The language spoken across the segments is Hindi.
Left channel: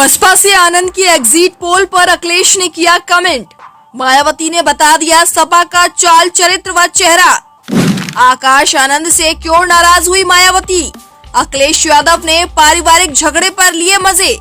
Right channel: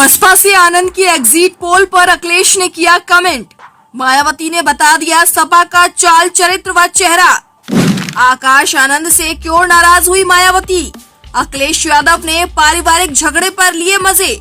बसपा से आनंद की एग्जिट पोल पर अखिलेश ने किया कमेंट। मायावती ने बता दिया सपा का चाल चरित्र व चेहरा। आकाश आनंद से क्यों नाराज हुई मायावती? अखिलेश यादव ने पारिवारिक झगड़े पर लिए मजे।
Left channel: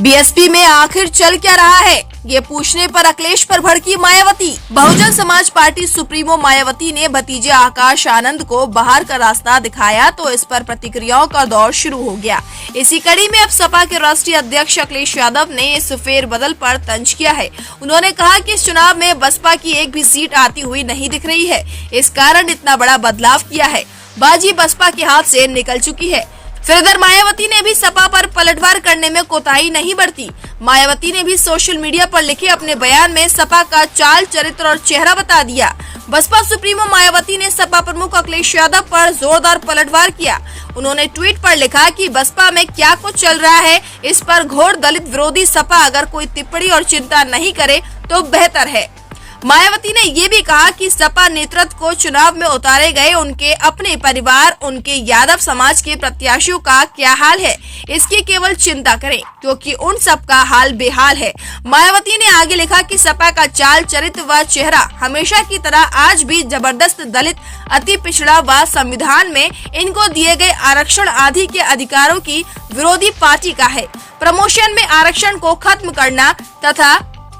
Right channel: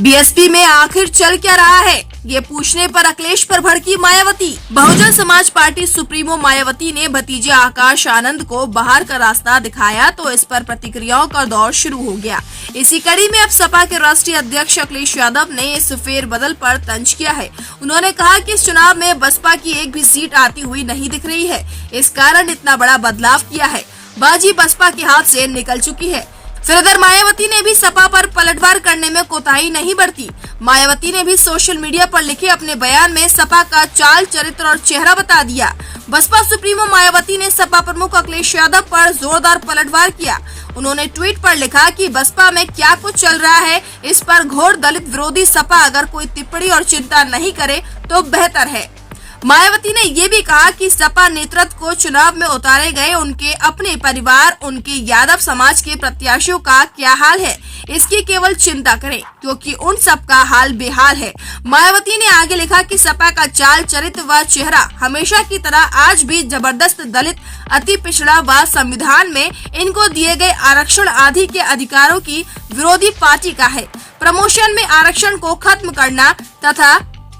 बीएसपी में आखिर चल क्या रहा है, ये पूछने पर अखिलेश पर भड़की मायावती। बहुजन समाज पार्टी सुप्रीमो मायावती ने भतीजे आकाश आनंद को बाहर का रास्ता दिखाया तो इस पर प्रतिक्रियाओं का दौर शुरू हो गया। इसी कड़ी में अब सपा के राष्ट्रीय अध्यक्ष अखिलेश यादव ने इस फेरबदल पर तंज किया है। उन्होंने कहा कि इस चुनाव में बसपा की एक भी सीट आती हुई नहीं दिख रही है, इस कारण इतना बड़ा बदलाव किया है। बाजी बसपा के हाथ से निकल चुकी है। फिर इधर मायावती ने भी सपा पर पलटवार करने में कोताही नहीं बरती। मायावती ने भी सोशल मीडिया पर लिखे अपने बयान में सपा का चाल चरित्र और चेहरा बता दिया। बसपा सुप्रीमो मायावती ने सपा प्रमुख अखिलेश यादव पर जोरदार पलटवार किया। उन्होंने ट्वीट पर लिखा कि बसपा में क्या कुछ चल रहा है, इस पर घोर दलित विरोधी सपा अगर कोई टिप्पणी और चिंता नहीं करे तो बेहतर है। मायावती ने ये भी कहा कि सपा नेतृत्व को चुनाव में उतारे गए उनके अपने परिवार, उनके यादव समाज के प्रत्याशियों का क्या हाल है, इसकी केवल चिंता करें क्योंकि उन सब का हाल बेहाल है। मायावती ने आगे लिखा कि सपा का चाल चरित्र व चेहरा हमेशा की तरह आज भी जबरदस्त दलित, अति पिछड़ा व संविधान में इनको दिए गए आरक्षण आदि के अधिकारों की विरोधी पार्टी का है। प्रमोशन में आरक्षण को खत्म करना तथा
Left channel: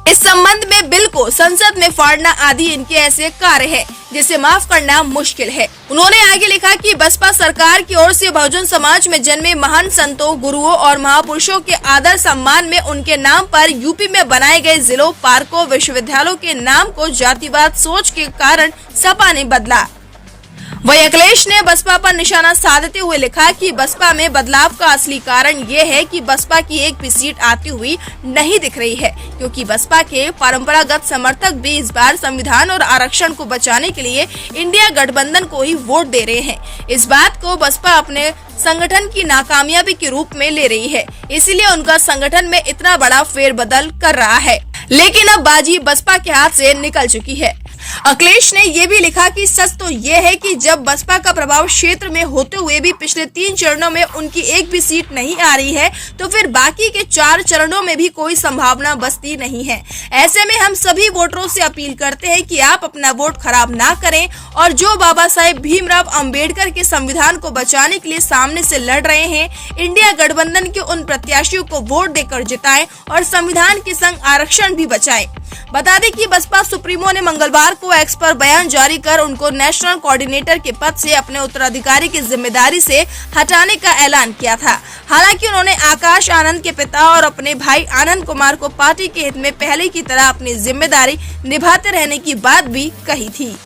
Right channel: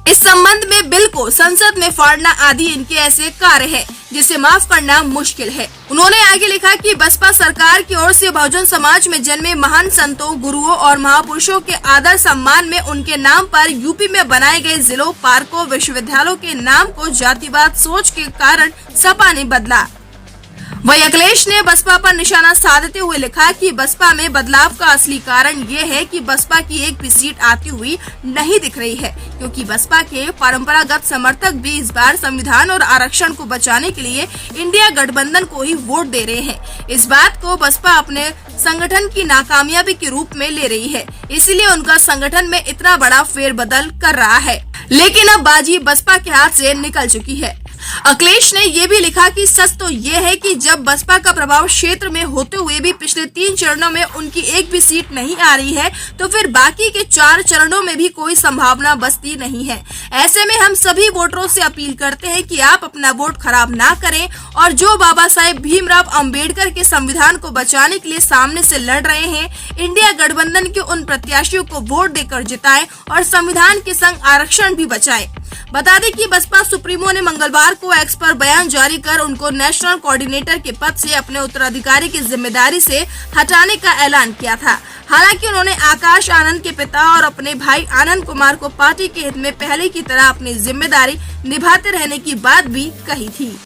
इस संबंध में बिल को संसद में फाड़ना आदि इनके ऐसे कार्य है जिसे माफ करना मुश्किल है। उन्होंने आगे लिखा कि बसपा सरकार की ओर से बहुजन समाज में जन्मे महान संतों, गुरुओं और महापुरुषों के आदर सम्मान में उनके नाम पर यूपी में बनाए गए जिलों, पार्कों, विश्वविद्यालयों के नाम को जातिवाद सोच के कारण सपा ने बदला। वही अखिलेश ने बसपा पर निशाना साधते हुए लिखा कि बसपा में बदलाव का असली कारण ये है कि बसपा की एक भी सीट आती हुई नहीं दिख रही है क्योंकि बसपा के परंपरागत समर्थक भी इस बार संविधान और आरक्षण को बचाने के लिए इंडिया गठबंधन को ही वोट दे रहे हैं। इस बात को बसपा अपने संगठन की नाकामयाबी के रूप में ले रही है, इसीलिए उनका संगठन में इतना बड़ा फेरबदल कर रहा है। लेकिन अब बाजी बसपा के हाथ से निकल चुकी है। अखिलेश ने ये भी लिखा कि सच तो ये है कि जब बसपा का प्रभाव क्षेत्र में होते हुए भी पिछले 3 चरणों में उनकी एक भी सीट नहीं आ रही है तो फिर बाकी के 4 चरणों में भी कोई संभावना बचती नहीं है। ऐसे में हम सभी वोटरों से अपील करते हैं कि आप अपना वोट खराब ना करें और जो बाबा साहेब भीमराव अंबेडकर के संविधान को बचाने के लिए सामने से लड़ रहे हैं, इंडिया गठबंधन के उन प्रत्याशियों को वोट देकर जिताएं और संविधान के संग आरक्षण भी बचाएं। बता दें कि बसपा सुप्रीमो ने मंगलवार को एक्स पर बयान जारी कर उनको नेशनल कोऑर्डिनेटर के पद से अपने उत्तराधिकारी की जिम्मेदारी से हटाने का ऐलान किया था। हालांकि उन्होंने आकाश आनंद के पिता और अपने भाई आनंद कुमार को पार्टी के हित में पहले की तरह अपनी जिम्मेदारी निभाते रहने की बात भी कही थी।